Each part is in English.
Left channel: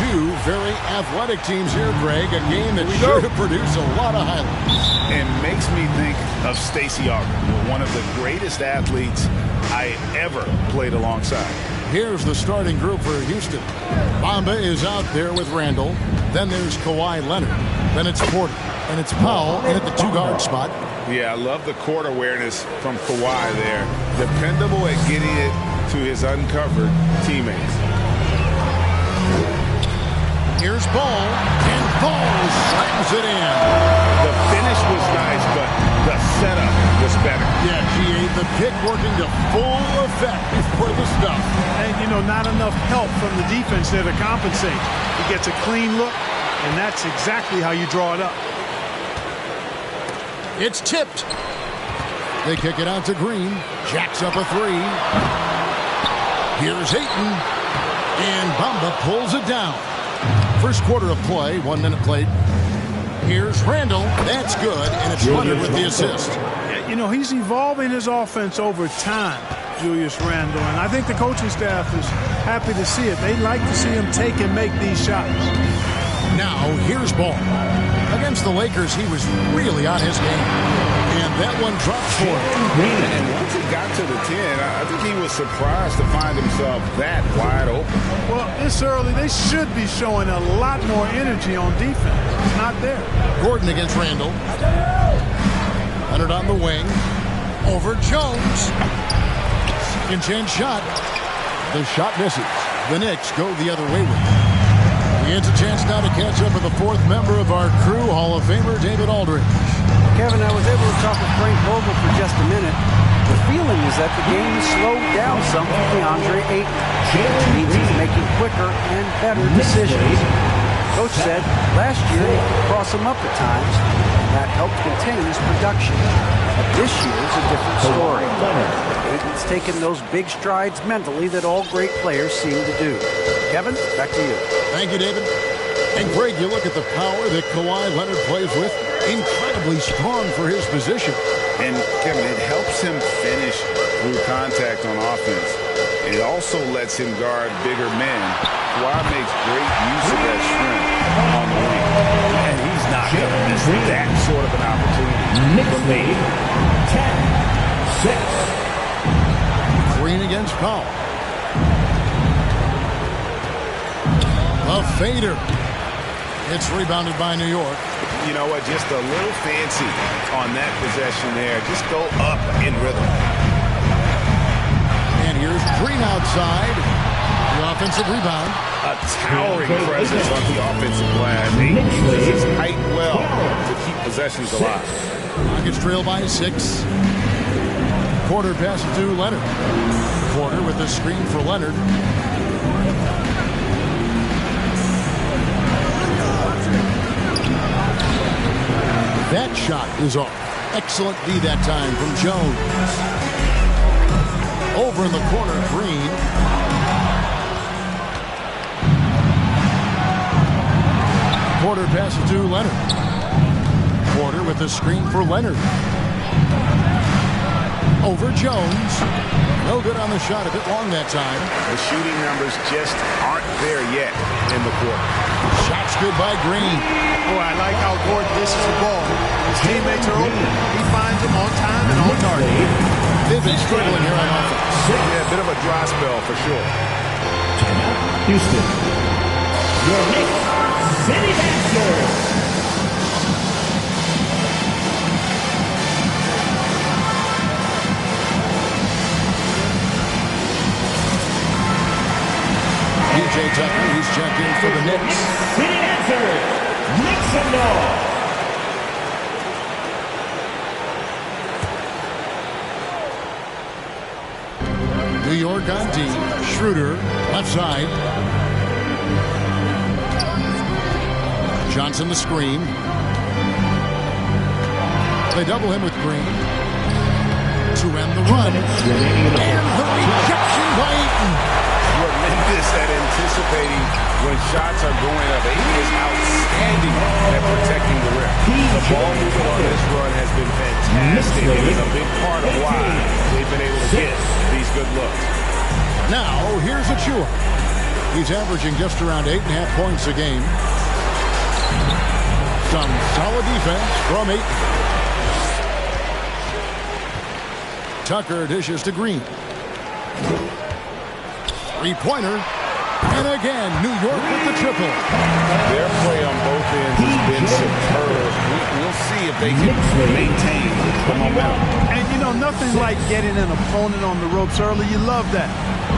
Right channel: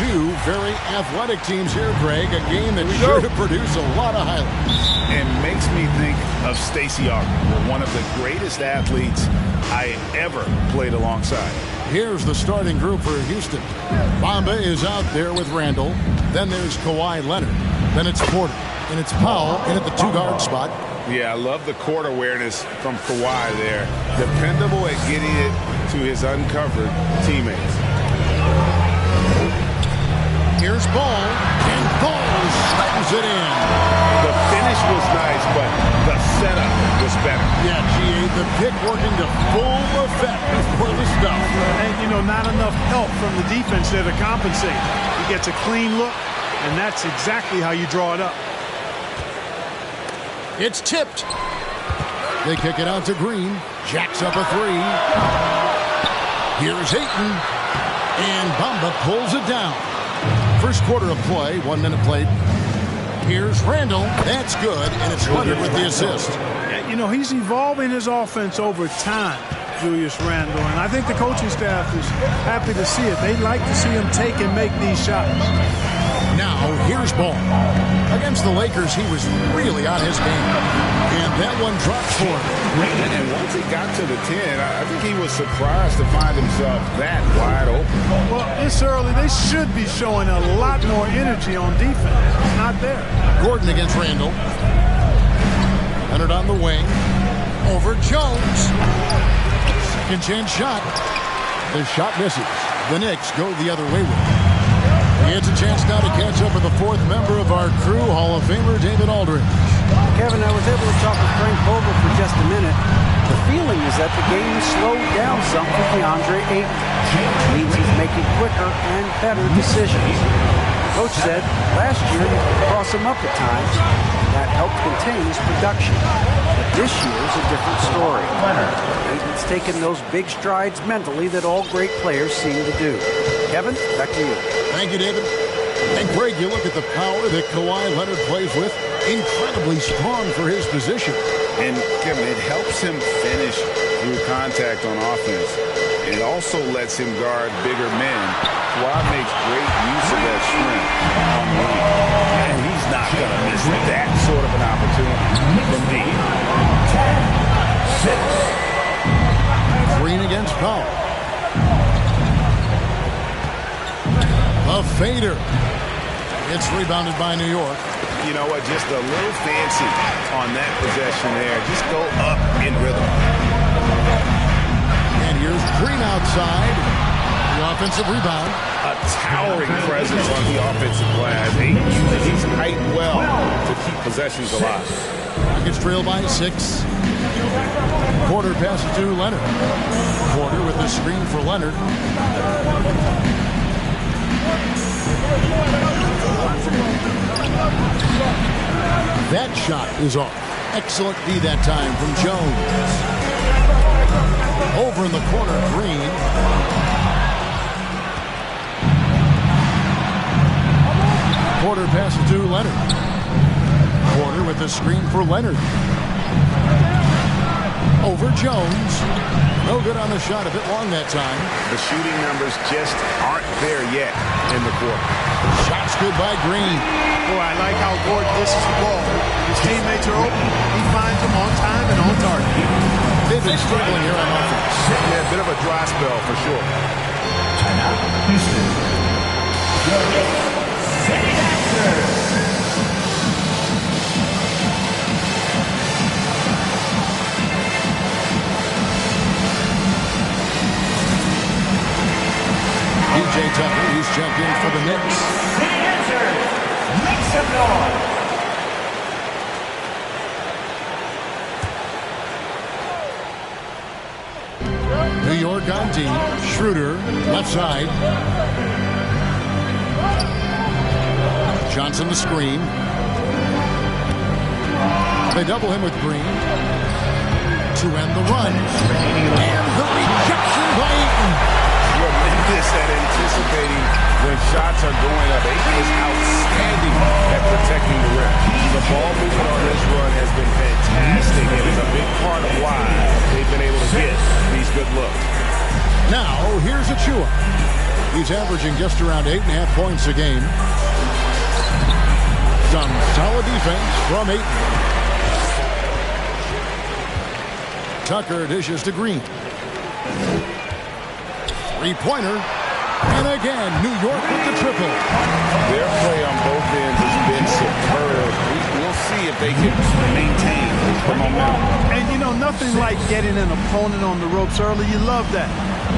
two very athletic teams here, Greg. A game that's sure to produce a lot of highlights. And makes me think of Stacey Auger, one of the greatest athletes I ever played alongside. Here's the starting group for Houston. Bamba is out there with Randall. Then there's Kawhi Leonard. Then it's Porter. And it's Powell in at the two-guard spot. Yeah, I love the court awareness from Kawhi there. Dependable at getting it to his uncovered teammates. Here's Ball, and Ball slams it in. The finish was nice, but the setup was better. Yeah, G.A., the pick working to full effect before the stuff. And, you know, not enough help from the defense there to compensate. He gets a clean look, and that's exactly how you draw it up. It's tipped. They kick it out to Green. Jacks up a three. Here's Ayton. And Bamba pulls it down. First quarter of play, 1 minute played. Here's Randall. That's good, and it's Leonard with the assist. You know, he's evolving his offense over time, Julius Randle, and I think the coaching staff is happy to see it. They like to see him take and make these shots. Now, here's Ball. Against the Lakers, he was really on his game. And that one dropped for him. And once he got to the 10, I think he was surprised to find himself that wide open. Well, this early, they should be showing a lot more energy on defense. It's not there. Gordon against Randall. Leonard on the wing. Over Jones. Second chance shot. The shot misses. The Knicks go the other way with it. He gets a chance now to catch up with the fourth member of our crew, Hall of Famer David Aldridge. Kevin, I was able to talk with Frank Vogel for just a minute. The feeling is that the game has slowed down some for DeAndre Ayton, which means he's making quicker and better decisions. Coach said last year he could cross him up at times, and that helped contain his production. But this year's a different story. Ayton's taken those big strides mentally that all great players seem to do. Kevin, back to you. Thank you, David. And Greg, you look at the power that Kawhi Leonard plays with. Incredibly strong for his position. And, Kevin, it helps him finish through contact on offense. It also lets him guard bigger men. Kawhi makes great use of that strength on the wing. And he's not going to miss that sort of an opportunity from me. 10-6. Green against Powell. A fader. It's rebounded by New York. You know what? Just a little fancy on that possession there. Just go up in rhythm. And here's Green outside. The offensive rebound. A towering presence on the offensive glass. He uses his height well to keep possessions alive. Rockets trail by 6. Porter passes to Leonard. Porter with the screen for Leonard. That shot is off. Excellent D that time from Jones. Over in the corner, Green. Porter passes to Leonard. Porter with the screen for Leonard. Over Jones. No good on the shot, a bit long that time. The shooting numbers just aren't there yet in the quarter. Shots good by Green. Boy, I like how Gordon dishes the ball. His teammates are open. He finds them on time and on target. They've been struggling here on offense. Yeah, a bit of a dry spell for sure. Timeout, Houston. Your Knicks City Masters. DJ Tucker, he's checked in for the Knicks. City Dancers, make some noise. New York on D. Schroeder, left side. Johnson the screen. They double him with Green. To end the run. And the rejection by Ayton. Tremendous at anticipating when shots are going up. Ayton is outstanding at protecting the rim. The ball movement on this run has been fantastic and is a big part of why they've been able to get these good looks. Now, here's Achua. He's averaging just around 8.5 points a game. Some solid defense from Ayton. Tucker dishes to Green. Three-pointer. And again, New York with the triple. Their play on both ends has been superb. We'll see if they can maintain the momentum. And, you know, nothing like getting an opponent on the ropes early. You love that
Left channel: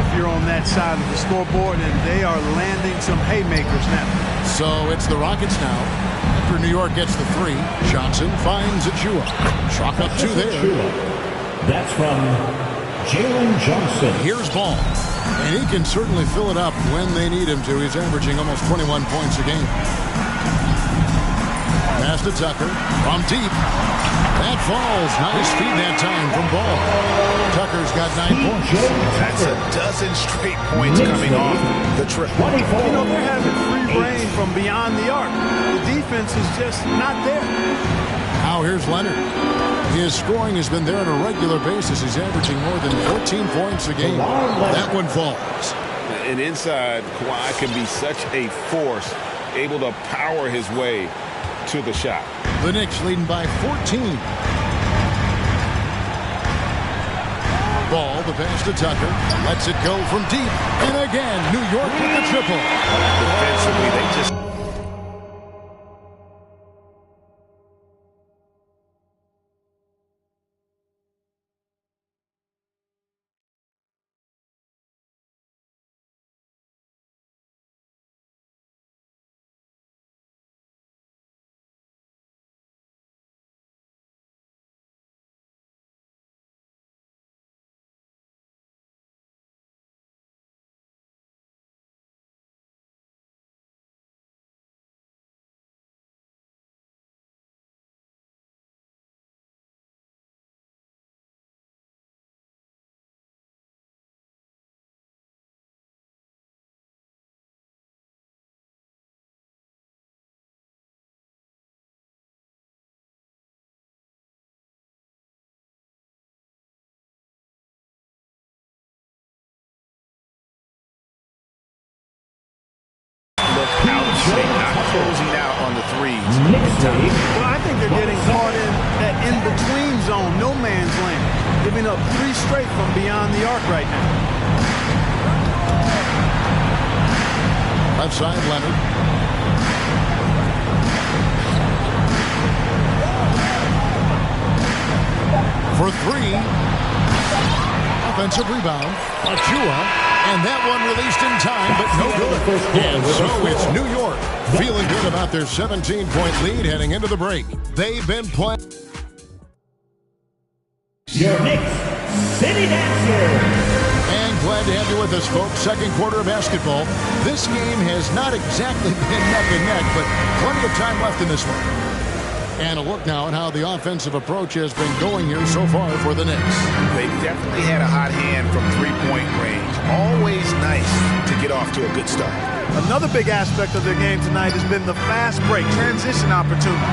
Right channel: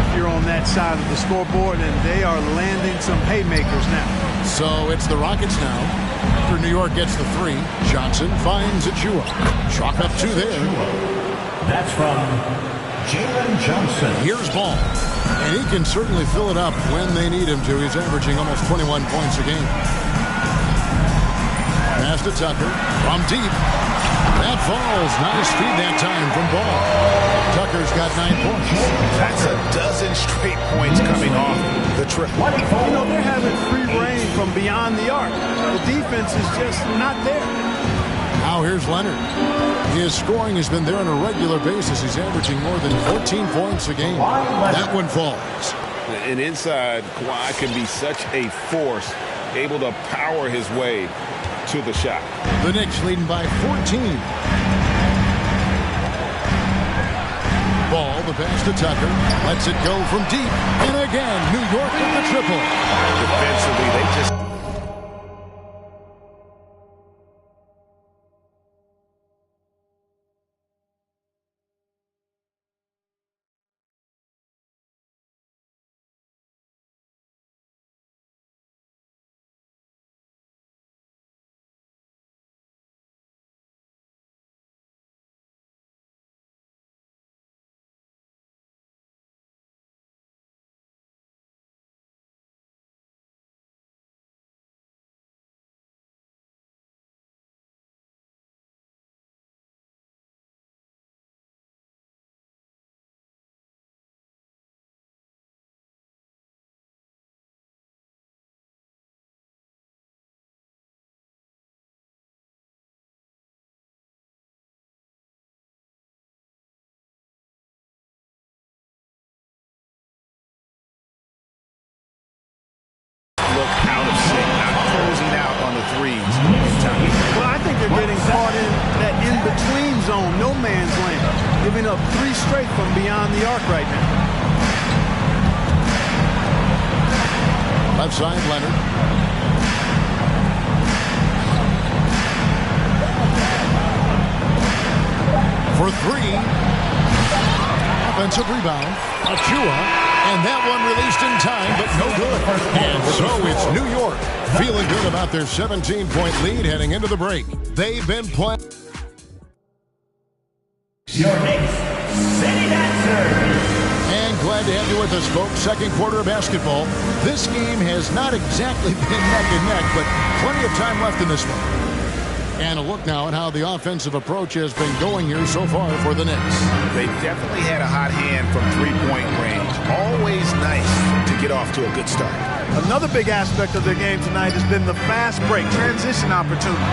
if you're on that side of the scoreboard, and they are landing some haymakers now. So it's the Rockets now. After New York gets the three, Johnson finds Achua. Chalk up two there. That's from Jalen Johnson. Here's Ball. And he can certainly fill it up when they need him to. He's averaging almost 21 points a game. Pass to Tucker from deep. That falls. Nice feed that time from Ball. Tucker's got 9 points. That's a dozen straight points coming off the triple. You know, they're having free reign from beyond the arc. The defense is just not there. Now here's Leonard. His scoring has been there on a regular basis. He's averaging more than 14 points a game. That one falls. And inside, Kawhi can be such a force, able to power his way to the shot. The Knicks leading by 14. Ball, the pass to Tucker. Lets it go from deep. And again, New York with the triple. Defensively, they just... look out of sync, not closing out on the threes in time. Well, I think they're getting caught in that in-between zone, no man's land, giving up 3 straight from beyond the arc right now. Left side, Leonard. For three. Offensive rebound. Achua. And that one released in time, but no good. And so it's New York feeling good about their 17-point lead heading into the break. They've been playing. Your Knicks City Dancers. And glad to have you with us, folks. Second quarter of basketball. This game has not exactly been neck and neck, but plenty of time left in this one. And a look now at how the offensive approach has been going here so far for the Knicks. They definitely had a hot hand from three-point range. Always nice to get off to a good start. Another big aspect of their game tonight has been the fast break, transition opportunity.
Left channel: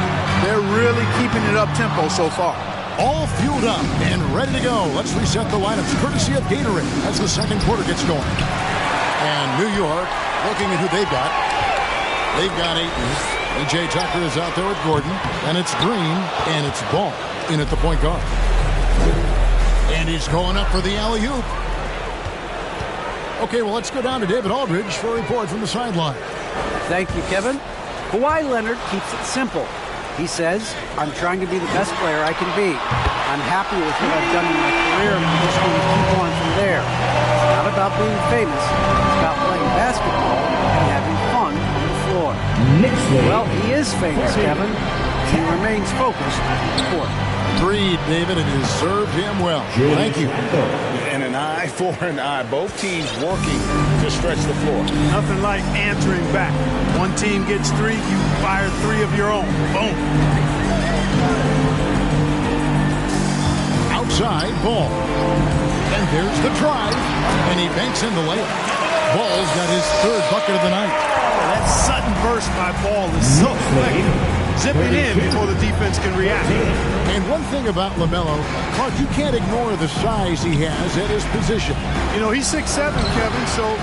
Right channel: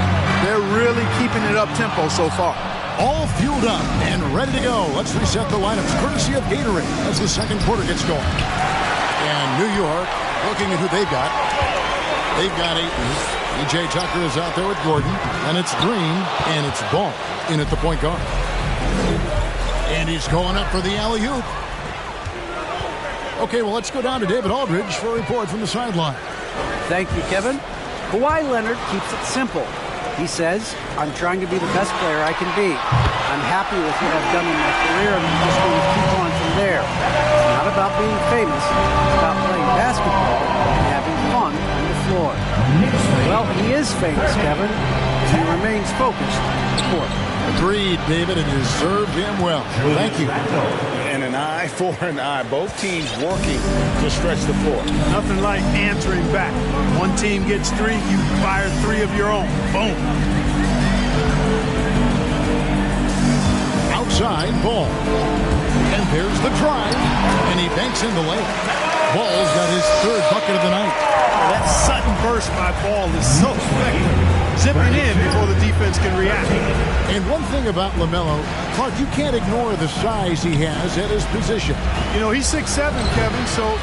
They're really keeping it up-tempo so far. All fueled up and ready to go. Let's reset the lineups courtesy of Gatorade as the second quarter gets going. And New York looking at who they've got. They've got Ayton. P.J. Tucker is out there with Gordon. And it's Green. And it's Ball in at the point guard. And he's going up for the alley-oop. Okay, well, let's go down to David Aldridge for a report from the sideline. Thank you, Kevin. Kawhi Leonard keeps it simple. He says, I'm trying to be the best player I can be. I'm happy with what I've done in my career, and I'm just going to keep on from there. It's not about being famous. It's about playing basketball and having fun on the floor. Well, he is famous, Kevin, and he remains focused on the court. Agreed, David. It has served him well. Thank you. And an eye for an eye. Both teams working to stretch the floor. Nothing like answering back. One team gets 3, you fire 3 of your own. Boom. Outside, Ball. And there's the drive. And he banks in the layup. Ball's got his 3rd bucket of the night. Well, that sudden burst by Ball is so effective. Zipping in before the defense can react. And one thing about LaMelo, Clark, you can't ignore the size he has at his position. You know, he's 6'7", Kevin, so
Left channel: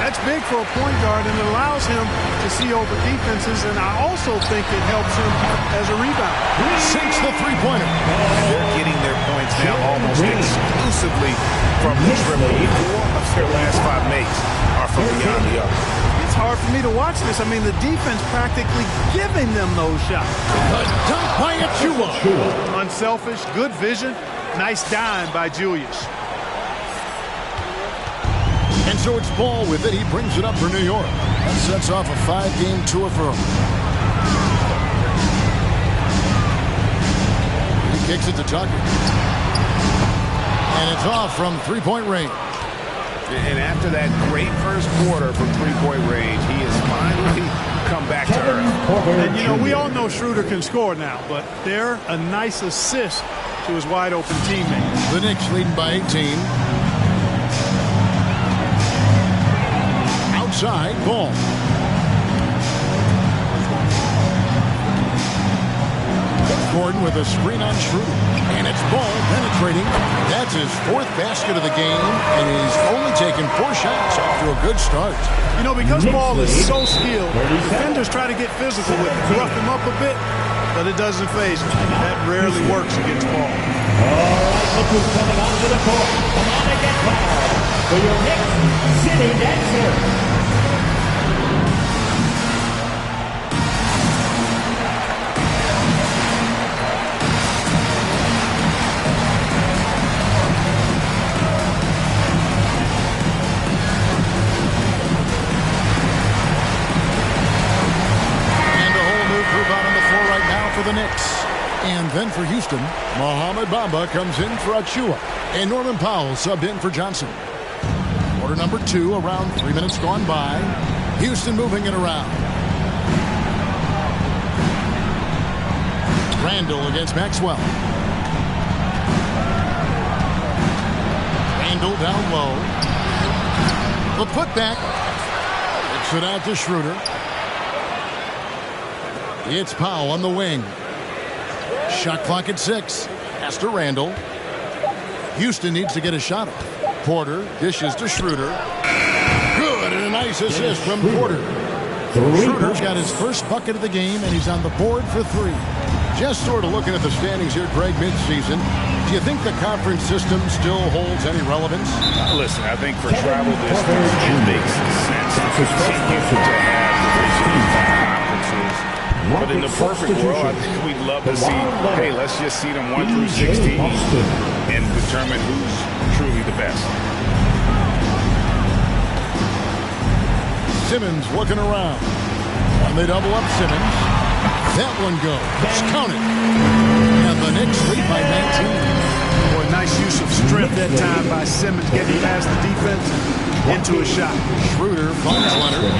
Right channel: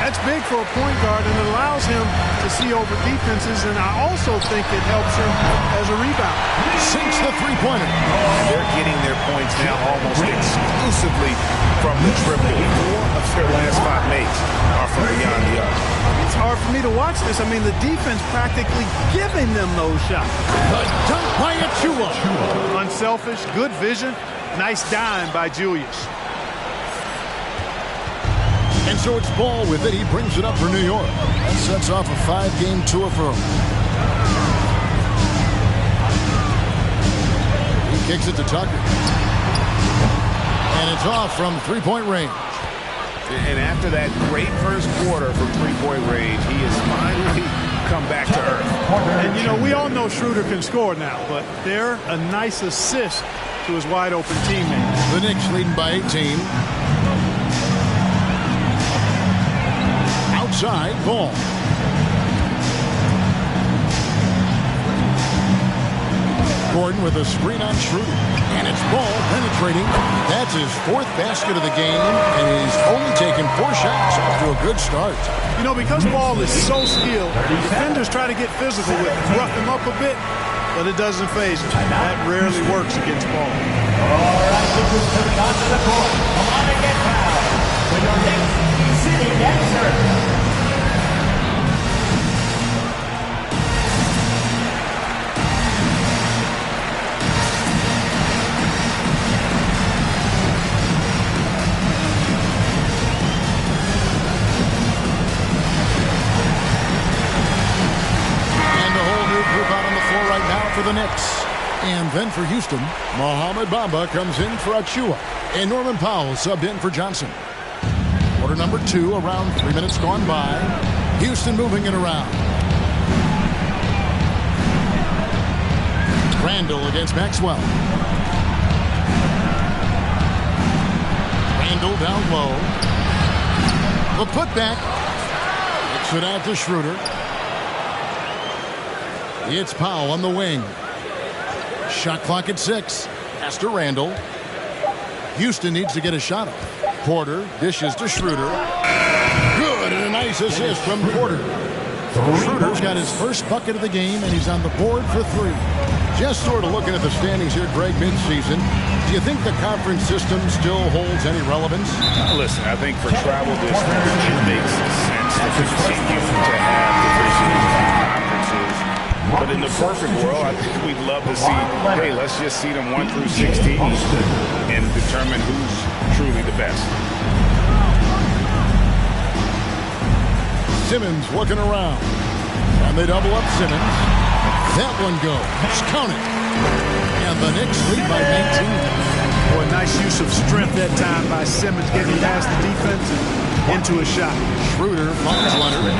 That's big for a point guard, and it allows him to see over defenses, and I also think it helps him as a rebounder. Sinks the three-pointer. And they're getting their points now almost exclusively from the triple. 4 of their last 5 makes are from beyond the arc. It's hard for me to watch this. I mean, the defense practically giving them those shots. The dunk by Achua. Unselfish, good vision, nice dime by Julius. And so it's Ball with it. He brings it up for New York. That sets off a 5-game tour for him. He kicks it to Tucker. And it's off from three-point range. And after that great first quarter from three-point range, he has finally come back to earth. And, you know, we all know Schroeder can score now, but they're a nice assist to his wide-open teammate. The Knicks leading by 18. Outside, Ball. Gordon with a screen on Schroeder. And it's Ball penetrating. That's his 4th basket of the game, and he's only taken 4 shots off to a good start. You know, because Ball is so skilled, defenders try to get physical with him, rough him up a bit, but it doesn't faze him. That rarely works against Ball. All right, look who's coming onto the court. Come on and get fouled for your Knicks City Dancer. Right now for the Knicks. And then for Houston, Mohamed Bamba comes in for Achua. And Norman Powell subbed in for Johnson. Quarter number 2, around 3 minutes gone by. Houston moving it around. Randall against Maxwell. Randall down low. The putback. Kicks it out to Schroeder. It's Powell on the wing. Shot clock at 6. Pass to Randall. Houston needs to get a shot off. Porter dishes to Schroeder. Good, and a nice assist from Porter. Schroeder's got his first bucket of the game, and he's on the board for 3. Just sort of looking at the standings here, Greg, midseason. Do you think the conference system still holds any relevance? Listen, I think for travel distance, it makes sense to continue to have divisions and conferences. But in the perfect world, I think we'd love to see, hey, let's just see them 1 through 16 and determine who's truly the best. Simmons looking around. And they double up Simmons. That one goes. Count it. And the Knicks lead by 19. Boy, nice use of strength that time by Simmons, getting past the defense and into a shot. Schroeder finds Leonard.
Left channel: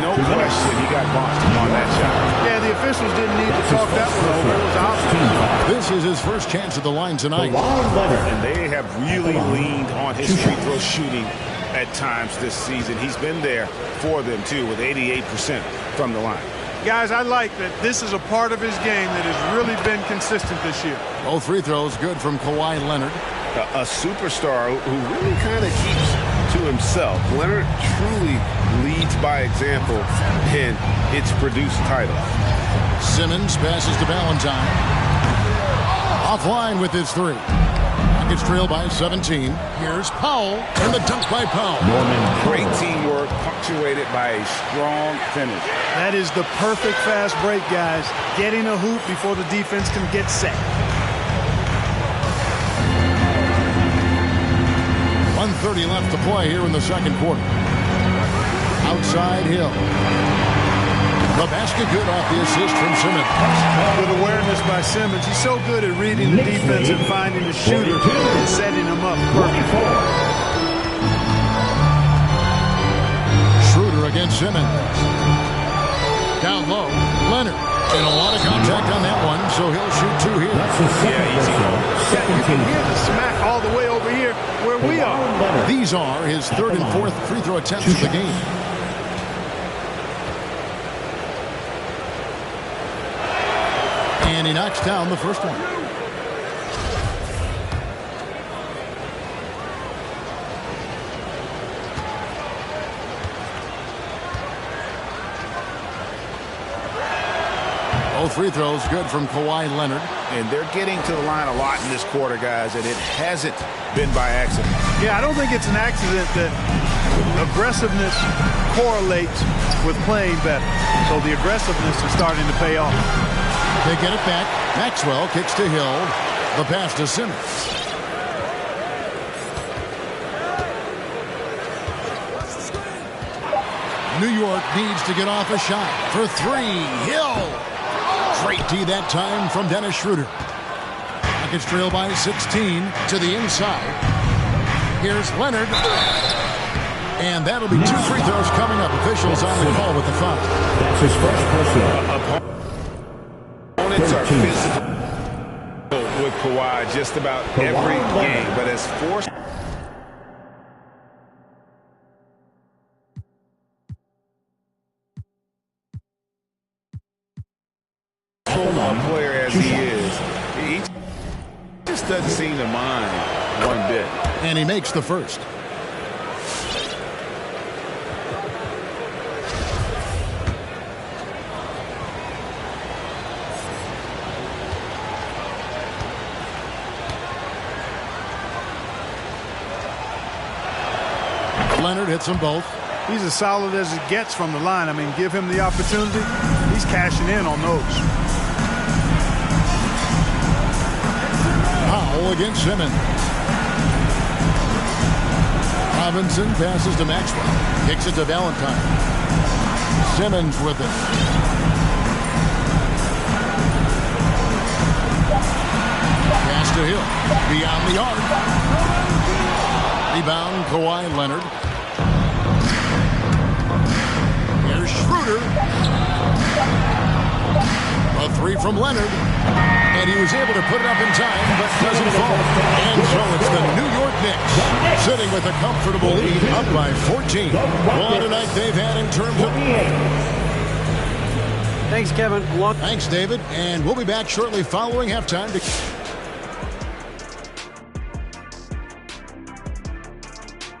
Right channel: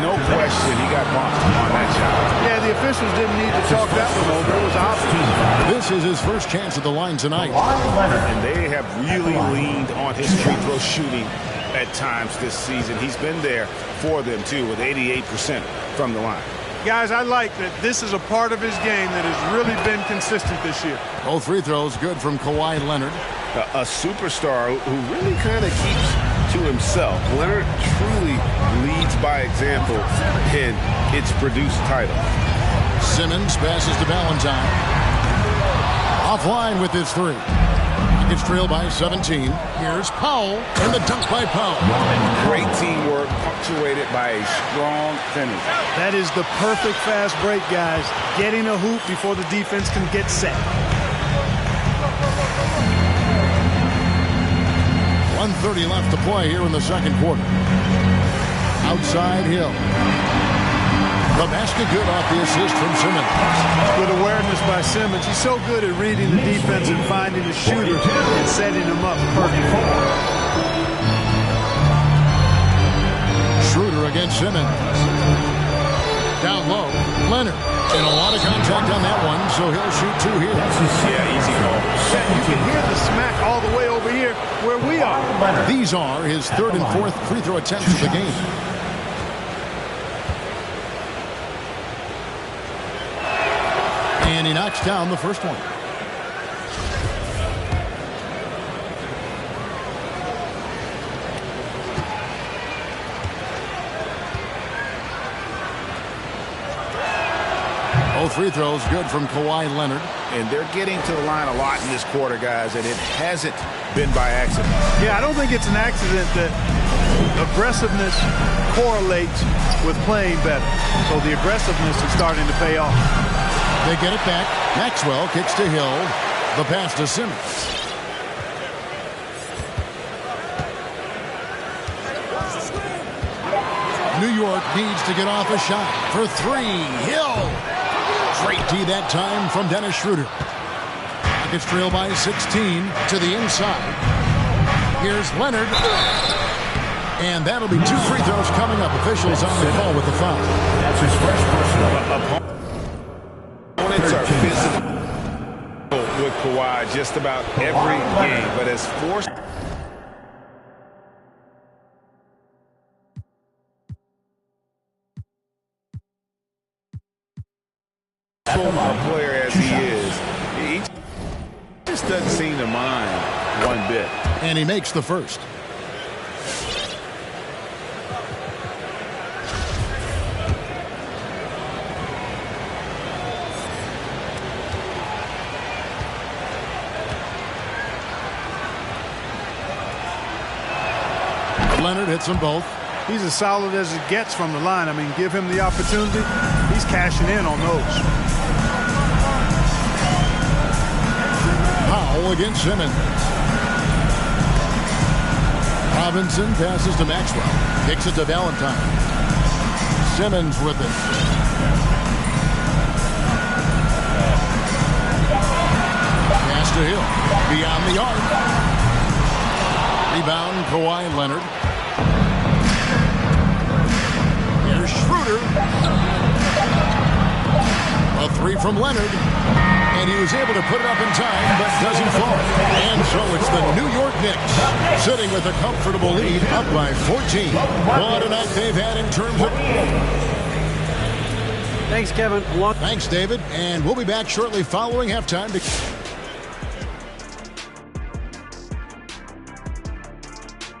No question, he got bumped on that shot. Yeah, the officials didn't need to talk that one over. It was obvious. This is his first chance at the line tonight. And they have really leaned on his free throw shooting at times this season. He's been there for them, too, with 88% from the line. Guys, I like that this is a part of his game that has really been consistent this year. Both free throws good from Kawhi Leonard. A superstar who really kind of keeps to himself. Leonard truly leads by example, and it's produced titles. Simmons passes to Valentine. Offline with his 3. Rockets trail by 17. Here's Powell, and the dunk by Powell. Great teamwork, punctuated by a strong finish. That is the perfect fast break, guys. Getting a hoop before the defense can get set. 1:30 left to play here in the second quarter. Outside Hill. The basket good off the assist from Simmons. Good awareness by Simmons. He's so good at reading the defense and finding the shooter and setting him up perfect. Schroeder against Simmons. Down low, Leonard. And a lot of contact on that one, so he'll shoot 2 here. Yeah, easy goal. Yeah, you can hear the smack all the way over here where we are. These are his 3rd and 4th free throw attempts of the game. And he knocks down the first one. Both free throws good from Kawhi Leonard. And they're getting to the line a lot in this quarter, guys, and it hasn't been by accident. Yeah, I don't think it's an accident that aggressiveness correlates with playing better. So the aggressiveness is starting to pay off. They get it back. Maxwell kicks to Hill. The pass to Simmons. New York needs to get off a shot for three. Hill. Great D that time from Dennis Schroeder. Rockets trail by 16 to the inside. Here's Leonard. And that'll be 2 free throws coming up. Officials on the call with the foul. That's his first personal. Opponents are physical with Kawhi just about every game, but as forced a player as he is, he just doesn't seem to mind one bit. And he makes the first. Leonard hits them both. He's as solid as it gets from the line. I mean, give him the opportunity. He's cashing in on those. Powell against Simmons. Robinson passes to Maxwell. Kicks it to Valentine. Simmons with it. Pass to Hill. Beyond the arc. Rebound, Kawhi Leonard. Here's Schroeder. A three from Leonard. And he was able to put it up in time, but doesn't fall. And so it's the New York Knicks sitting with a comfortable lead, up by 14. What a night they've had in terms of... Thanks, Kevin. Thanks, David. And we'll be back shortly following halftime to...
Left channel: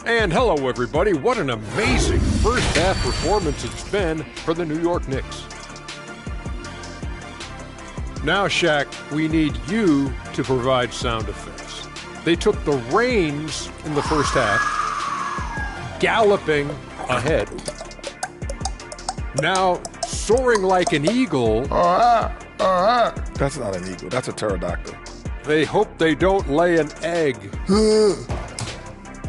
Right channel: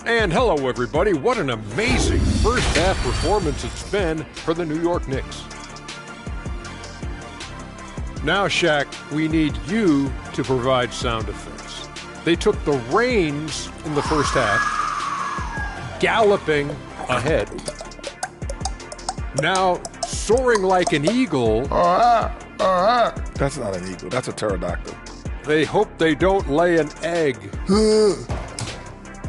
And hello, everybody. What an amazing first-half performance it's been for the New York Knicks. Now, Shaq, we need you to provide sound effects. They took the reins in the first half, galloping ahead. Now, soaring like an eagle. That's not an eagle. That's a pterodactyl. They hope they don't lay an egg.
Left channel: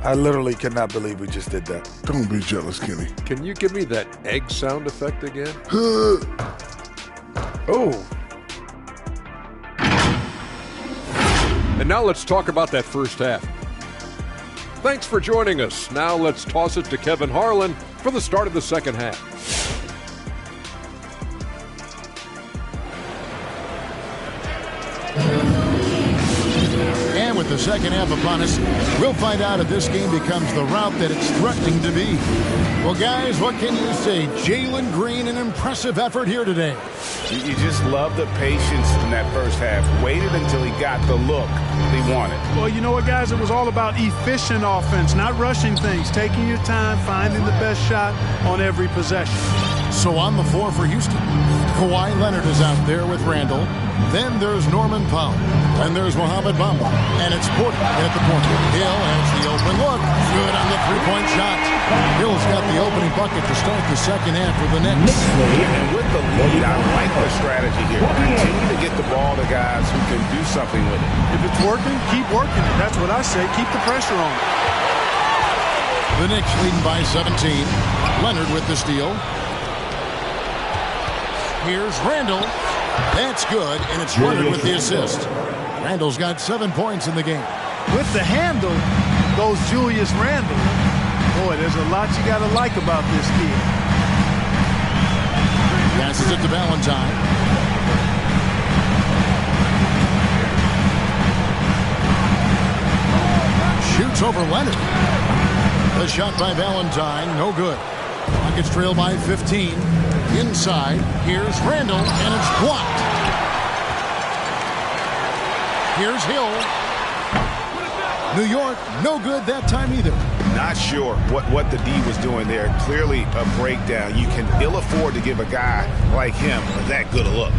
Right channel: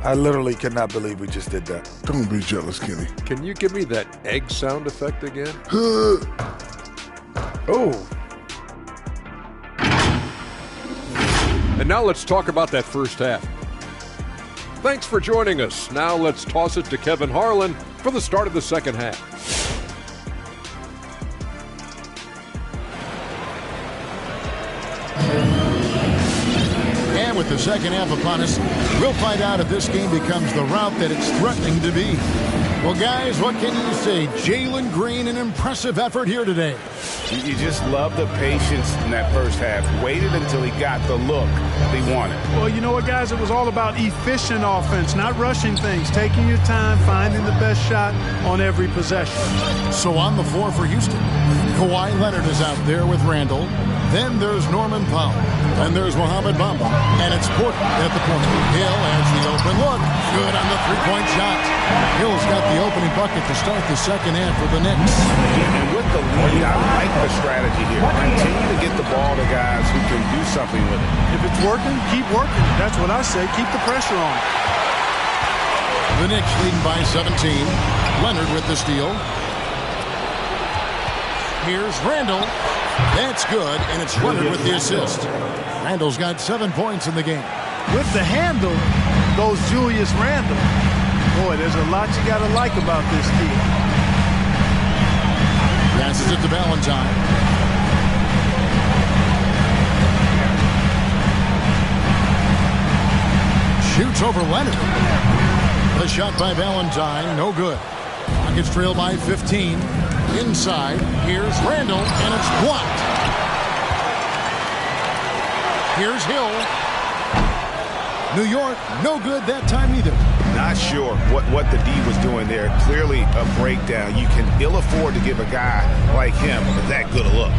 I literally cannot believe we just did that. Don't be jealous, Kenny. Can you give me that egg sound effect again? Oh. And now let's talk about that first half. Thanks for joining us. Now let's toss it to Kevin Harlan for the start of the second half. And with the second half upon us, we'll find out if this game becomes the route that it's threatening to be. Well, guys, what can you say? Jalen Green, an impressive effort here today. You just love the patience in that first half. Waited until he got the look he wanted. Well, you know what, guys? It was all about efficient offense, not rushing things, taking your time, finding the best shot on every possession. So on the floor for Houston, Kawhi Leonard is out there with Randall. Then there's Norman Powell. And there's Mohamed Bamba. And it's Porter at the point. Hill has the open look. Good on the three-point shot. Hill's got the opening bucket to start the second half for the Knicks. And with the lead, I like the strategy here. Continue to get the ball to guys who can do something with it. If it's working, keep working it. That's what I say. Keep the pressure on it. The Knicks leading by 17. Leonard with the steal. Here's Randall. That's good, and it's Leonard with the assist. Randall's got 7 points in the game. With the handle goes Julius Randle. Boy, there's a lot you got to like about this kid. Passes it to Valentine. Shoots over Leonard. The shot by Valentine, no good. Rockets trail by 15. Inside, here's Randall, and it's blocked. Here's Hill. New York, no good that time either. Not sure what the D was doing there. Clearly a breakdown. You can ill afford to give a guy like him that good a look.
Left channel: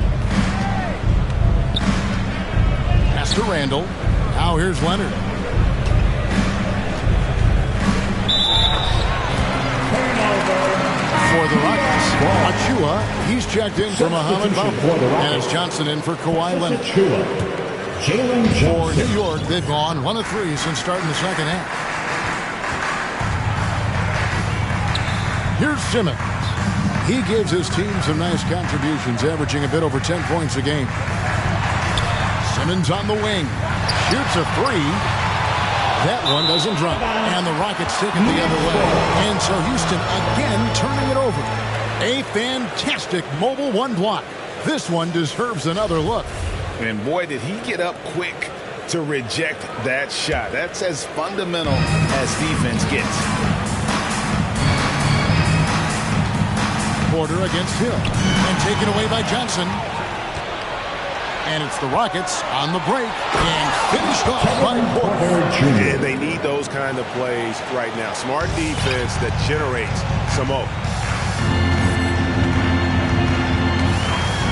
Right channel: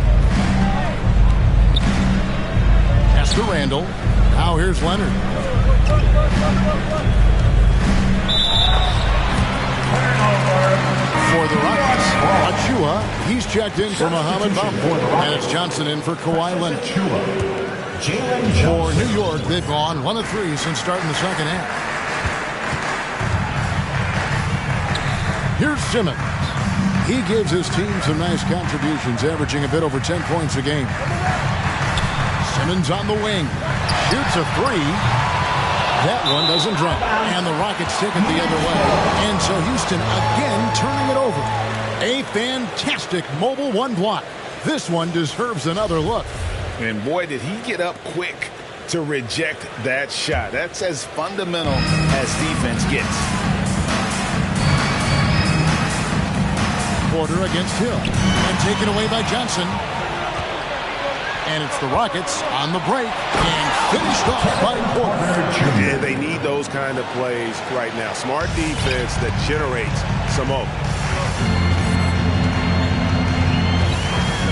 Pass to Randall. Now here's Leonard. For the Rockets, Achua, he's checked in for Muhammad Bump. And it's Johnson in for Kawhi Leonard. For New York, they've gone 1 of 3 since starting the second half. Here's Simmons. He gives his team some nice contributions, averaging a bit over 10 points a game. Simmons on the wing. Shoots a 3. That one doesn't drop. And the Rockets take it the other way. And so Houston again turning it over. A fantastic mobile 1 block. This one deserves another look. And boy, did he get up quick to reject that shot. That's as fundamental as defense gets. Porter against Hill. And taken away by Johnson. And it's the Rockets on the break and finished off by Porter. Yeah, they need those kind of plays right now. Smart defense that generates some hope.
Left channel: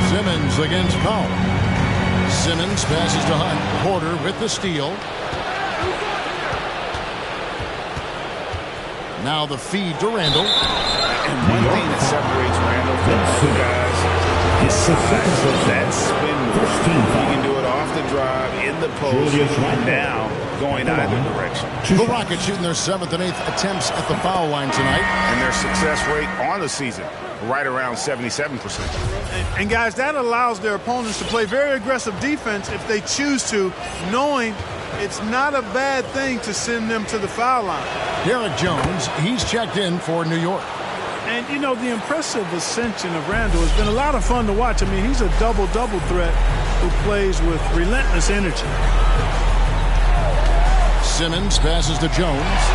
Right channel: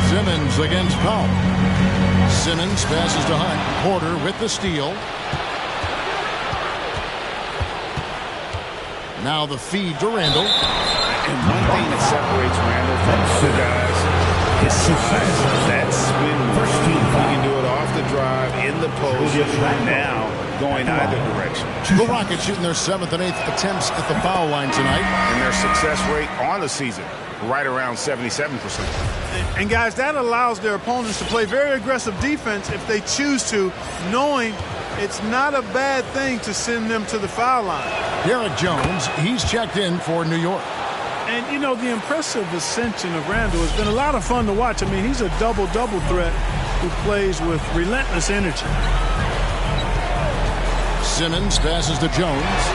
Simmons against Powell. Simmons passes to Hunt. Porter with the steal. Now the feed to Randall. And one thing that separates Randall from other guys, his size, that spin move. He can do it off the drive, in the post, now going either direction. The Rockets shooting their 7th and 8th attempts at the foul line tonight. And their success rate on the season, right around 77%. And guys, that allows their opponents to play very aggressive defense if they choose to, knowing it's not a bad thing to send them to the foul line. Derek Jones, he's checked in for New York. And, you know, the impressive ascension of Randall has been a lot of fun to watch. I mean, he's a double-double threat who plays with relentless energy. Simmons passes to Jones.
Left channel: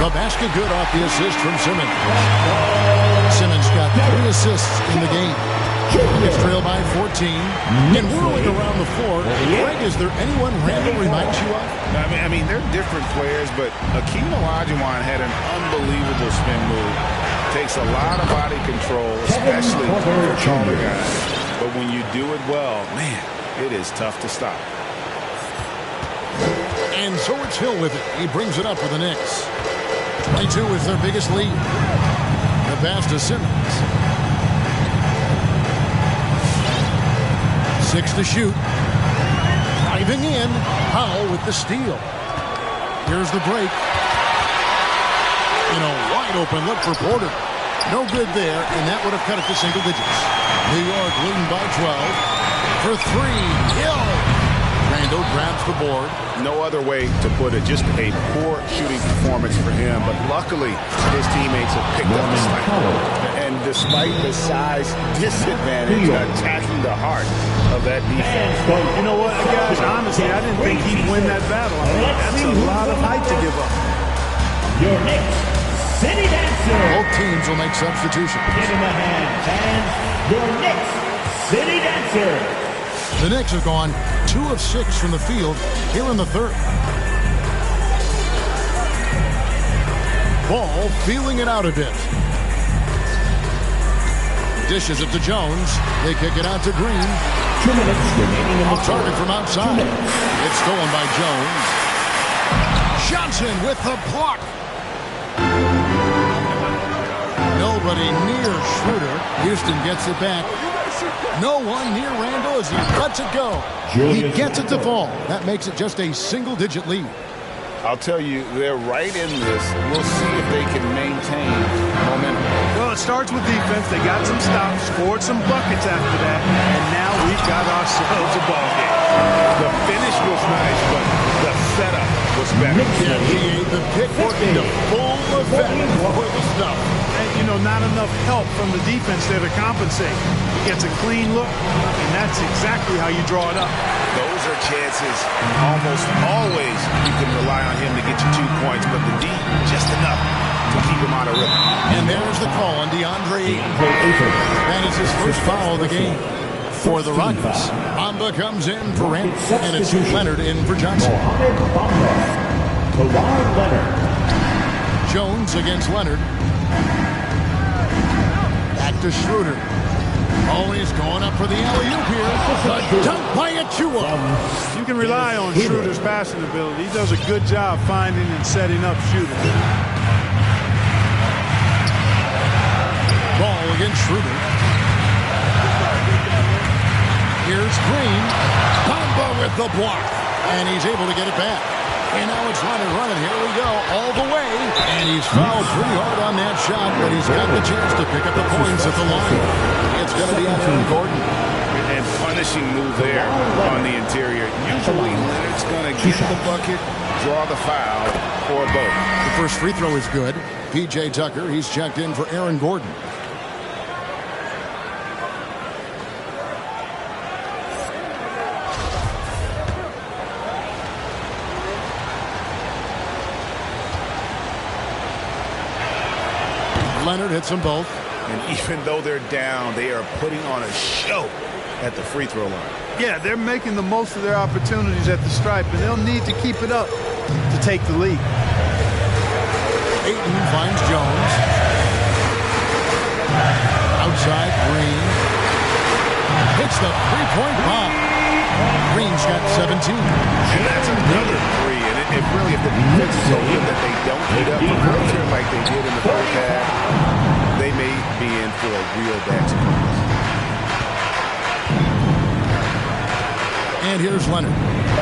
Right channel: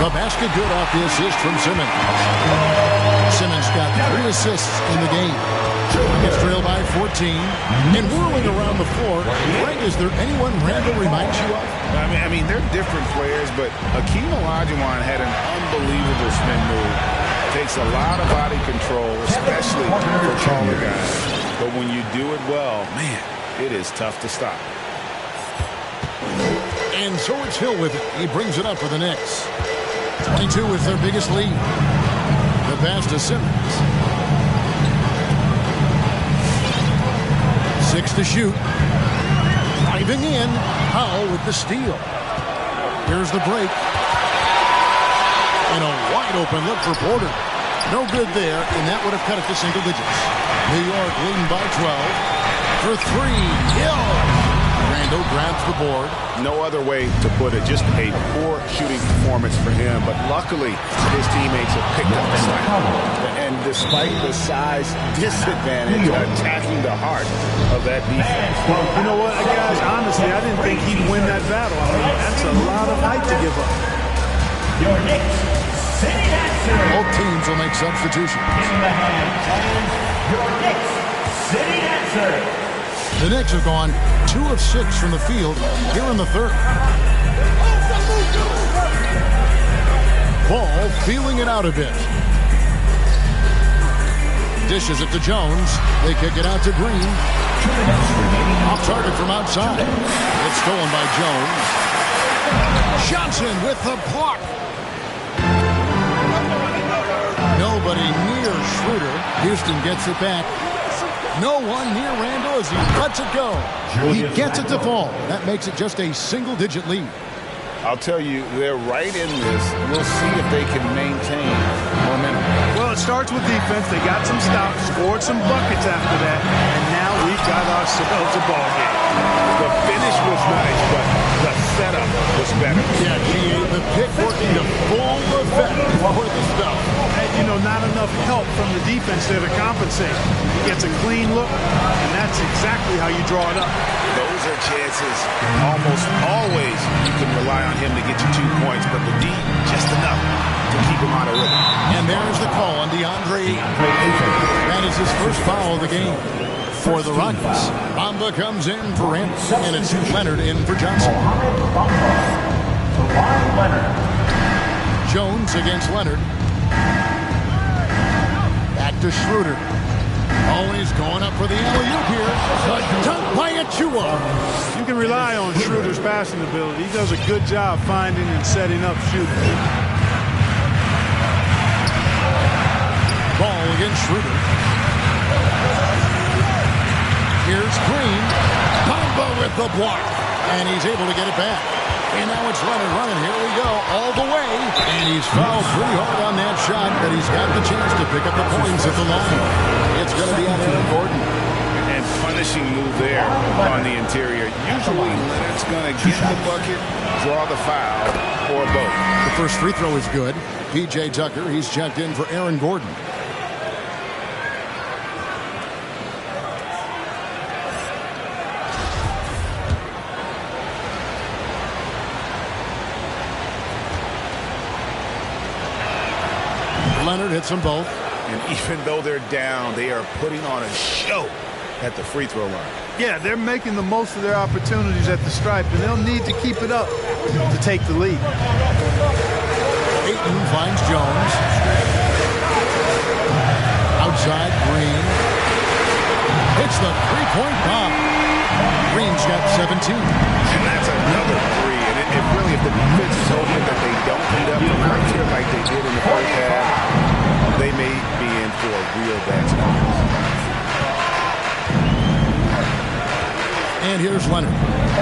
The basket good off the assist from Simmons. Simmons got 3 assists in the game. Rockets trail by 14. And whirling around the floor, Greg, is there anyone Randall reminds you of? I mean, they're different players, but Akeem Olajuwon had an unbelievable spin move. Takes a lot of body control, especially for taller guys. But when you do it well, man, it is tough to stop. And so it's Hill with it. He brings it up for the Knicks. 22 is their biggest lead. The pass to Simmons. 6 to shoot. Driving in. Powell with the steal. Here's the break. And a wide open look for Porter. No good there, and that would have cut it to single digits. New York leading by 12. For 3, Hill. Randall grabs the board. No other way to put it. Just a poor shooting performance for him. But luckily, his teammates have picked up the slack. And despite the size disadvantage, attacking the heart of that defense. You know what, guys? Honestly, I didn't think he'd win that battle. I mean, that's a lot of height to give up. Your Knicks City Dancer. Both teams will make substitutions. Give him a hand, fans. Your Knicks City Dancer. The Knicks have gone 2 of 6 from the field here in the third. Ball feeling it out a bit. Dishes it to Jones. They kick it out to Green. 2 minutes remaining. Off target from outside. It's stolen by Jones. Johnson with the block. Nobody near Schroeder. Houston gets it back. No one near Randall as he lets it go. He gets it to fall. That makes it just a single-digit lead. I'll tell you, they're right in this. We'll see if they can maintain momentum. Well, it starts with defense. They got some stops, scored some buckets after that, and now we've got ourselves a ball game. The finish was nice, but the setup was better. Yeah, the pick working to full effect for the stuff. And, you know, not enough help from the defense there to compensate. He gets a clean look, and that's exactly how you draw it up. Those are chances. Almost always you can rely on him to get you 2 points, but the D, just enough to keep him out of rhythm. And there's the call on DeAndre Ayton. That is his first foul of the game for the Rockets. Bamba comes in for Randall, and it's Leonard in for Johnson. Kawhi Leonard. Jones against Leonard. Back to Schroeder. Oh, he's going up for the alley-oop here. The dunk by Achua. You can rely on Schroeder's passing ability. He does a good job finding and setting up shooters. Ball against Schroeder. Here's Green. Bamba with the block. And he's able to get it back. And now it's Leonard running. Here we go. All the way. And he's fouled pretty hard on that shot, but he's got the chance to pick up the points at the line. It's going to be on Aaron Gordon. And punishing move there on the interior. Usually Leonard's going to get the bucket, draw the foul, or both. The first free throw is good. P.J. Tucker, he's checked in for Aaron Gordon. Leonard hits them both. And even though they're down, they are putting on a show at the free throw line. Yeah, they're making the most of their opportunities at the stripe, and they'll need to keep it up to take the lead. Ayton finds Jones. Outside, Green. Hits the three-point bomb. Green's got 17. And that's another three. And if the defense is hoping that they don't heat up from out here like they did in the first half, they may be in for a real bad surprise. And here's Leonard.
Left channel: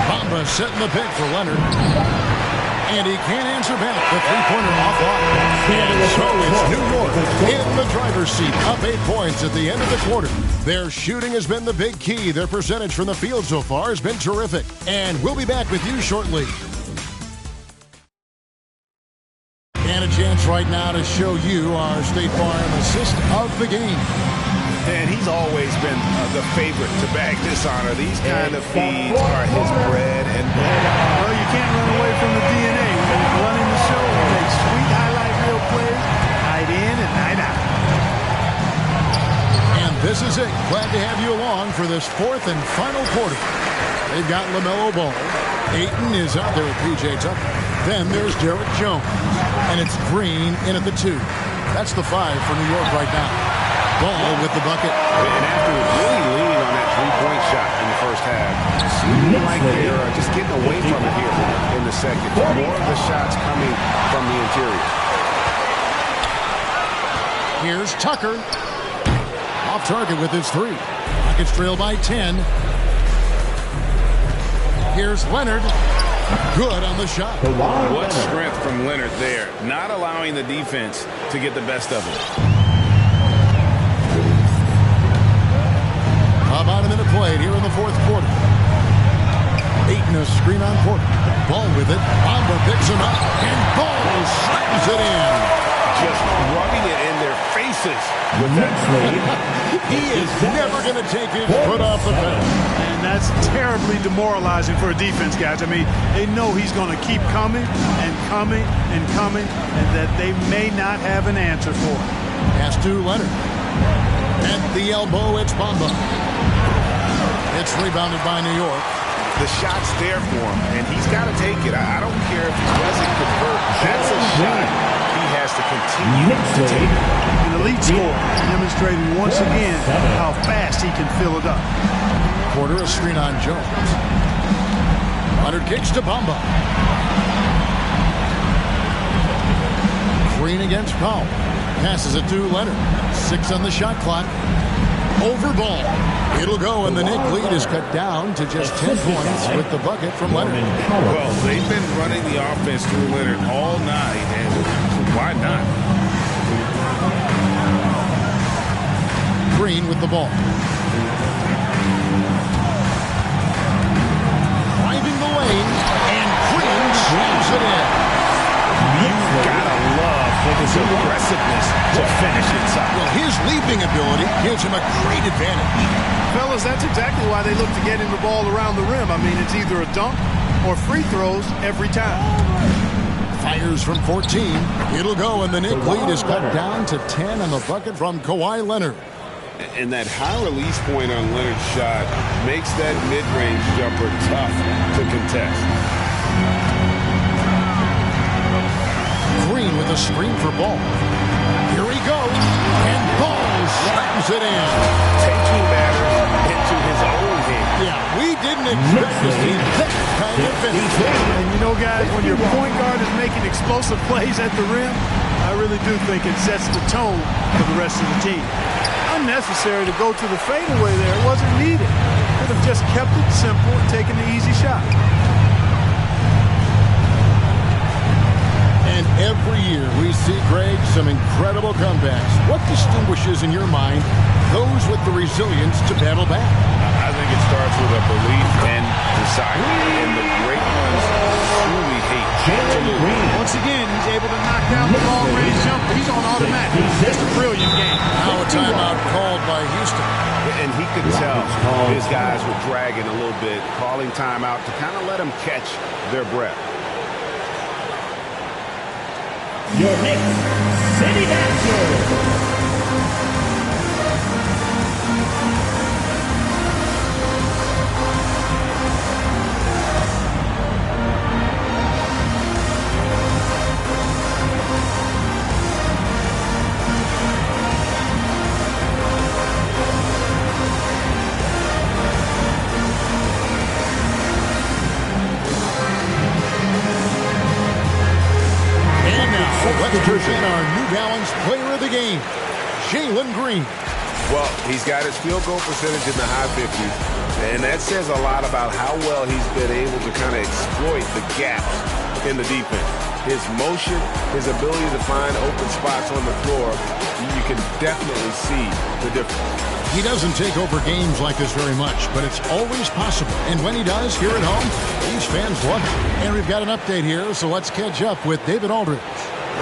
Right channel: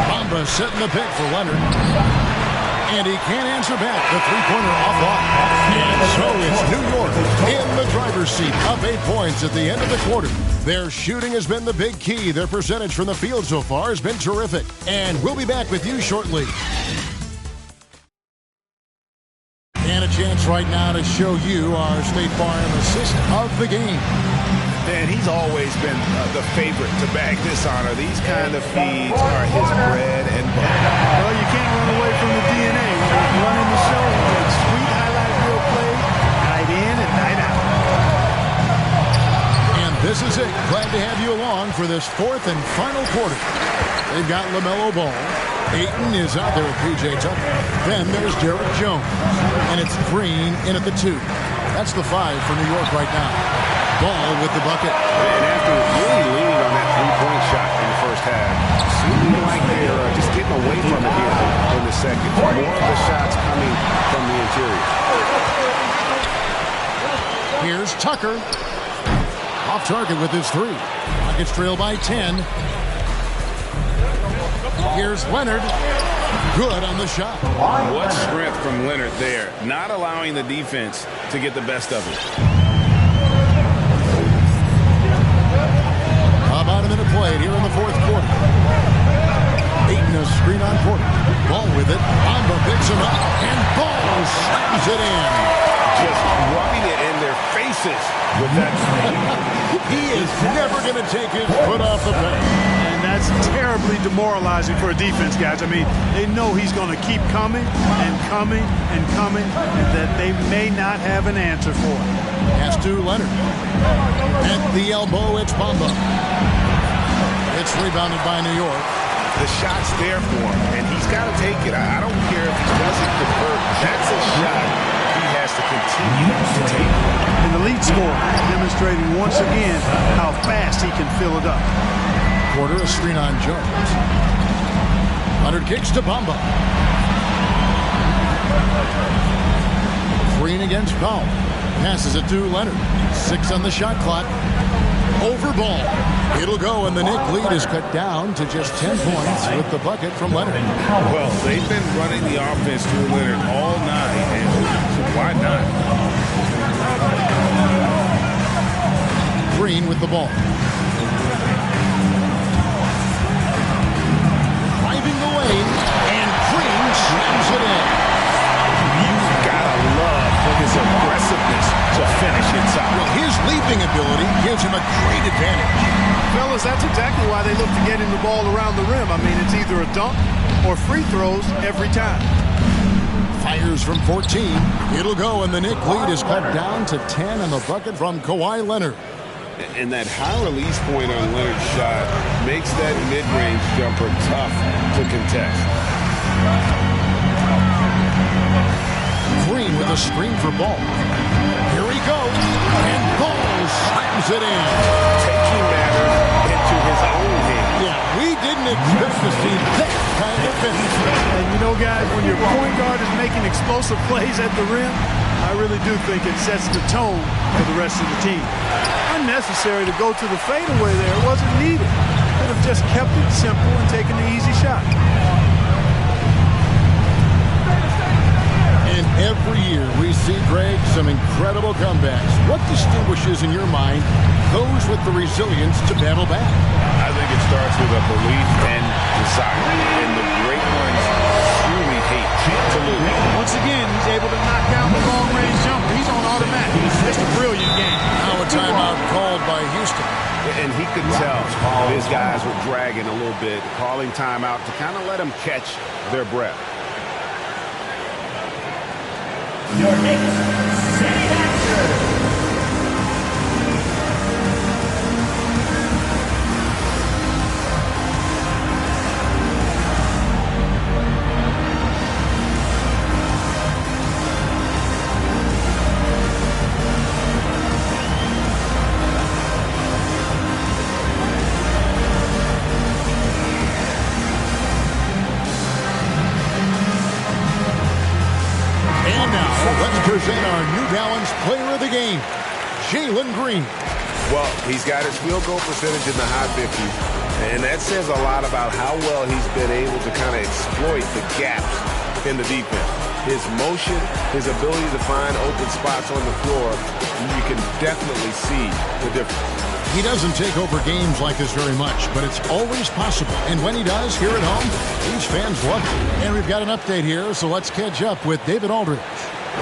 Bamba setting the pick for Leonard. And he can't answer back. The three-pointer offline. And so it's New York in the driver's seat, up 8 points at the end of the quarter. Their shooting has been the big key. Their percentage from the field so far has been terrific. And we'll be back with you shortly. And a chance right now to show you our State Farm assist of the game. And he's always been the favorite to bag this honor. These kind of feeds are his bread and butter. Well, you can't run away from the DNA. When he's running the show, he makes sweet highlight reel plays night in and night out. And this is it. Glad to have you along for this fourth and final quarter. They've got LaMelo Ball. Ayton is out there with P.J. Tucker. Then there's Derek Jones. And it's Green in at the 2. That's the 5 for New York right now. Ball with the bucket. And after really leaning on that three-point shot in the first half, seeming like they're just getting away from it here in the second. More of the shots coming from the interior. Here's Tucker. Off target with his 3. Rockets trail by 10. Here's Leonard. Good on the shot. What strength from Leonard there. Not allowing the defense to get the best of it. About a minute played here in the fourth quarter. Ayton a screen on Porter. Ball with it. Bamba picks him up. And Ball slams it in. Just rubbing it in their faces with that three. He is never going to take his foot off the pedal. And that's terribly demoralizing for a defense, guys. I mean, they know he's going to keep coming and coming and coming, and that they may not have an answer for it. Pass to Leonard. At the elbow, it's Bamba. It's rebounded by New York. The shot's there for him, and he's got to take it. I don't care if he doesn't convert. That's a shot he has to continue to take. An elite scorer, demonstrating once again how fast he can fill it up. Porter a screen on Jones. Leonard kicks to Bamba. Green against Powell. Passes it to Leonard. 6 on the shot clock. Over ball. It'll go, and the Knick lead is cut down to just 10 points with the bucket from Leonard. Well, they've been running the offense through Leonard all night, and why not? Green with the ball. Driving the lane, and Green slams it in. You've got to love his aggressiveness to finish inside. Well, his leaping ability gives him a great advantage. Fellas, that's exactly why they look to get him the ball around the rim. I mean, it's either a dunk or free throws every time. Fires from 14. It'll go, and the Knick lead is cut down to 10 on the bucket from Kawhi Leonard. And that high release point on Leonard's shot makes that mid-range jumper tough to contest. Green with a screen for Ball. Here he goes, and Ball slams it in. Yeah, we didn't expect to see that kind of finish. And you know, guys, when your point guard is making explosive plays at the rim, I really do think it sets the tone for the rest of the team. Unnecessary to go to the fadeaway there. It wasn't needed. Could have just kept it simple and taken the easy shot. And every year we see, Greg, some incredible comebacks. What distinguishes, in your mind, those with the resilience to battle back? I think it starts with a belief and desire. And the great ones truly hate to lose. Once again, he's able to knock down the long-range jumper. He's on automatic. Just a brilliant game. Now a timeout called by Houston. And he could tell his guys were dragging a little bit, calling timeout to kind of let them catch their breath. Your Knicks City Dancer. Let's present our New Balance player of the game, Jalen Green. Well, he's got his field goal percentage in the high 50s, and that says a lot about how well he's been able to kind of exploit the gaps in the defense. His motion, his ability to find open spots on the floor, you can definitely see the difference. He doesn't take over games like this very much, but it's always possible. And when he does, here at home, these fans love it. And we've got an update here, so let's catch up with David Aldridge.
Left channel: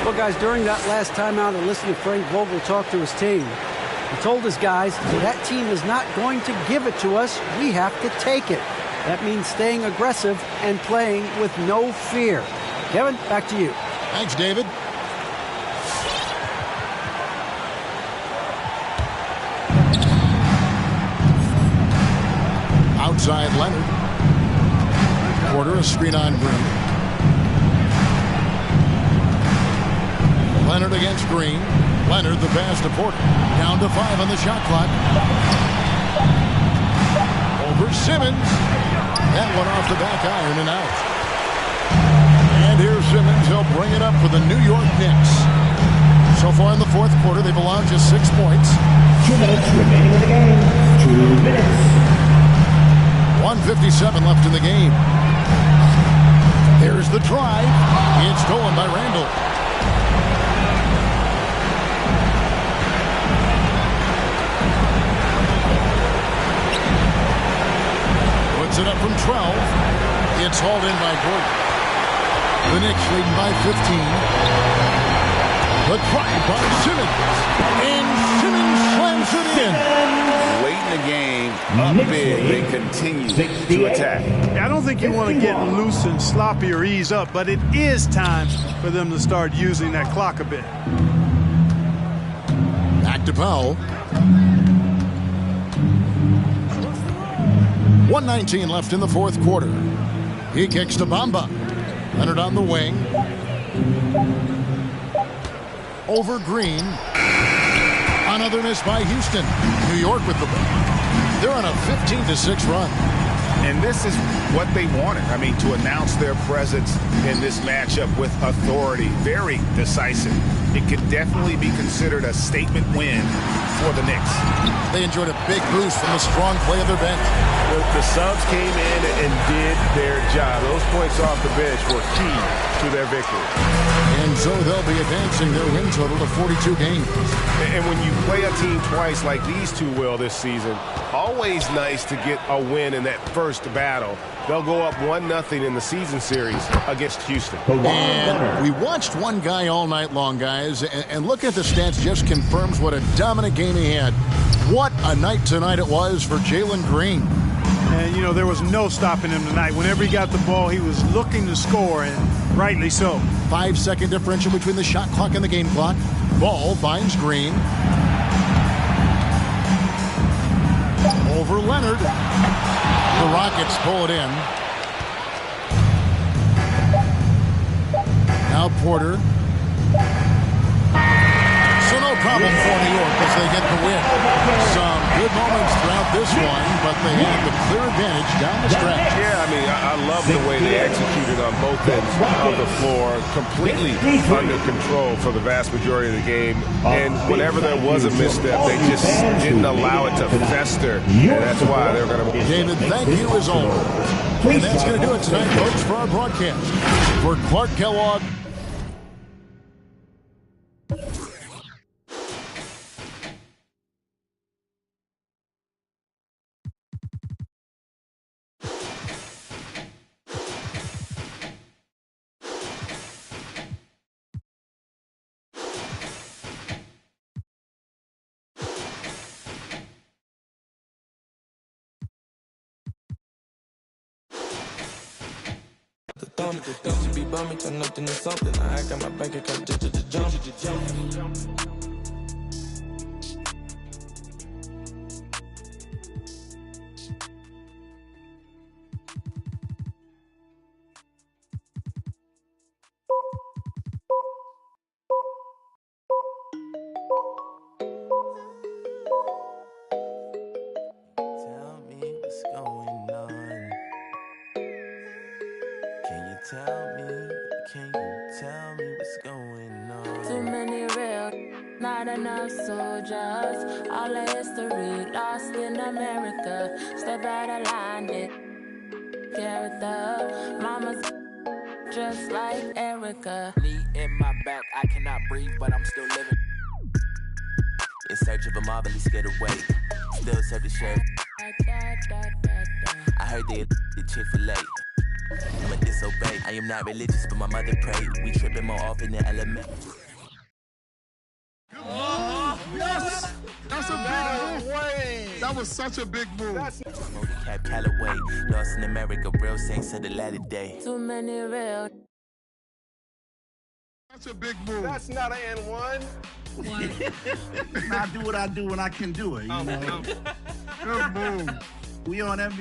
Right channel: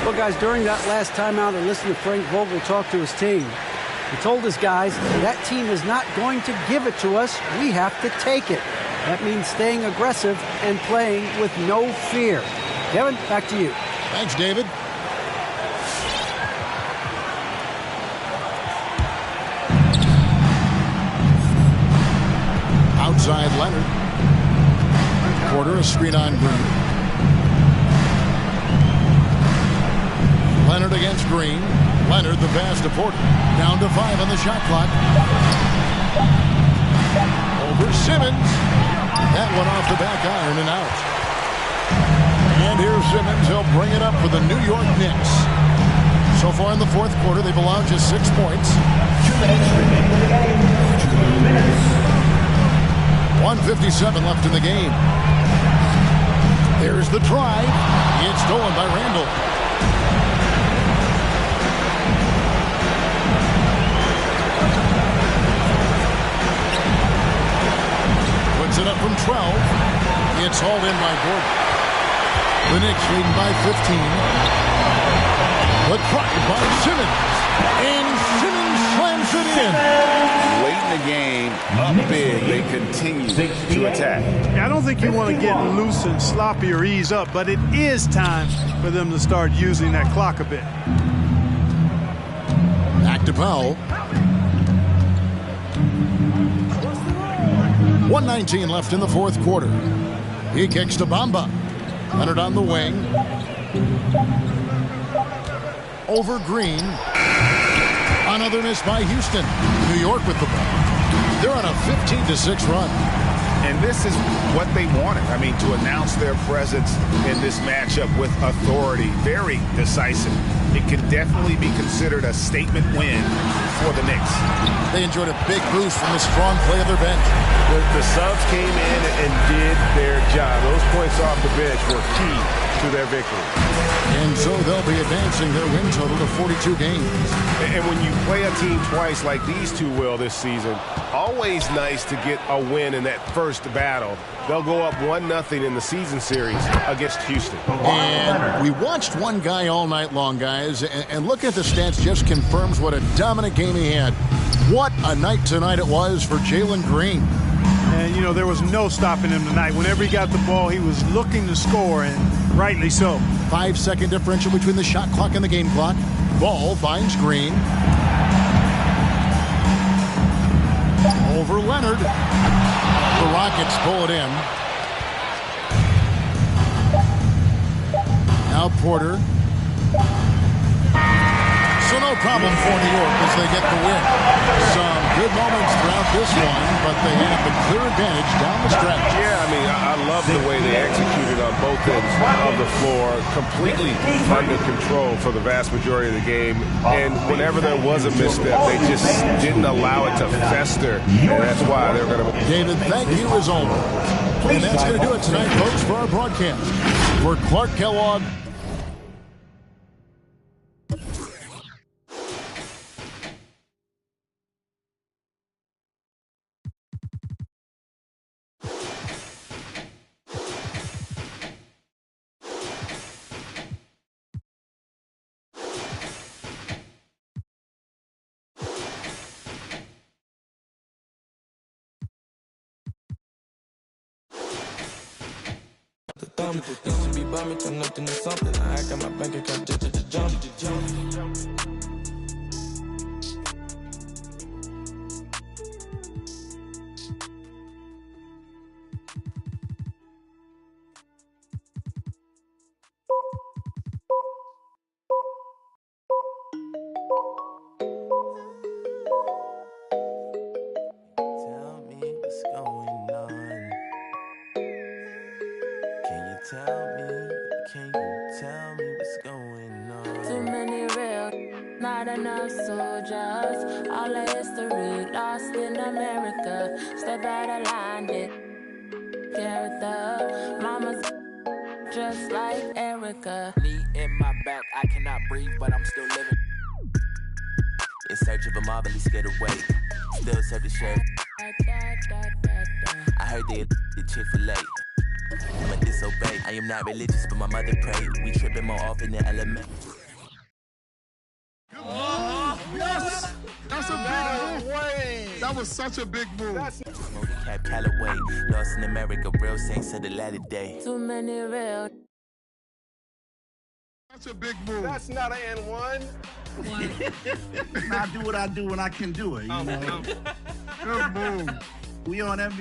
Well, guys, during that last timeout, I listened to Frank Vogel talk to his team. He told his guys, that team is not going to give it to us. We have to take it. That means staying aggressive and playing with no fear. Kevin, back to you. Thanks, David. Outside Leonard. Porter, a screen on Green. Leonard against Green. Leonard the pass to Porter. Down to 5 on the shot clock. Over Simmons. That one off the back iron and out. And here's Simmons. He'll bring it up for the New York Knicks. So far in the fourth quarter, they've allowed just 6 points. 2 minutes remaining in the game. 2 minutes. 1:57 left in the game. There's the drive. It's stolen by Randall. Puts it up from 12. It's hauled in by Gordon. The Knicks leading by 15. The drive by Simmons. And Simmons slams it in. Late in the game, up big, they continue to attack. I don't think you want to get loose and sloppy or ease up, but it is time for them to start using that clock a bit. Back to Powell. 1:19 left in the fourth quarter. He kicks to Bamba. Leonard on the wing. Over Green. Another miss by Houston. New York with the ball. They're on a 15-6 run. And this is what they wanted. I mean, to announce their presence in this matchup with authority. Very decisive. It can definitely be considered a statement win for the Knicks. They enjoyed a big boost from the strong play of their bench. The subs came in and did their job. Those points off the bench were key to their victory. And so they'll be advancing their win total to 42 games. And when you play a team twice like these two will this season, always nice to get a win in that first battle. They'll go up 1-0 in the season series against Houston. And we watched one guy all night long, guys, and look at the stats, just confirms what a dominant game he had. What a night tonight it was for Jalen Green. And, you know, there was no stopping him tonight. Whenever he got the ball, he was looking to score, and rightly so. 5-second differential between the shot clock and the game clock. Ball finds Green. Over Leonard. The Rockets pull it in. Now Porter. So no problem for New York as they get the win. Some good moments throughout this one, but they had the clear advantage down the stretch. Yeah, I mean, I love the way they executed on both ends of the floor, completely under control for the vast majority of the game. And whenever there was a misstep, they just didn't allow it to fester, and that's why they're going to. David, thank you as always. And that's going to do it tonight, folks, for our broadcast. For Clark Kellogg, used to be bumming, turn nothing to something. I got my bank account just jump. Tell me what's going on. Can you tell me what's going on? Too many real, not enough soldiers. All of history lost in America. Step out of line, character. Mama's just like Erica. Knee in my back, I cannot breathe, but I'm still living. In search of a marvelous getaway. Still serve the sheriff. I heard they the Chick-fil-A. I'ma disobey. I am not religious, but my mother prayed. We tripping more often than element. Yes! That's a big move. That was such a big move. Smoke cap Callaway. Lost in America, real saints of the latter day. Too many real. Such a big move. That's not an N1. I do what I do when I can do it. You know? Good move. We on MVP.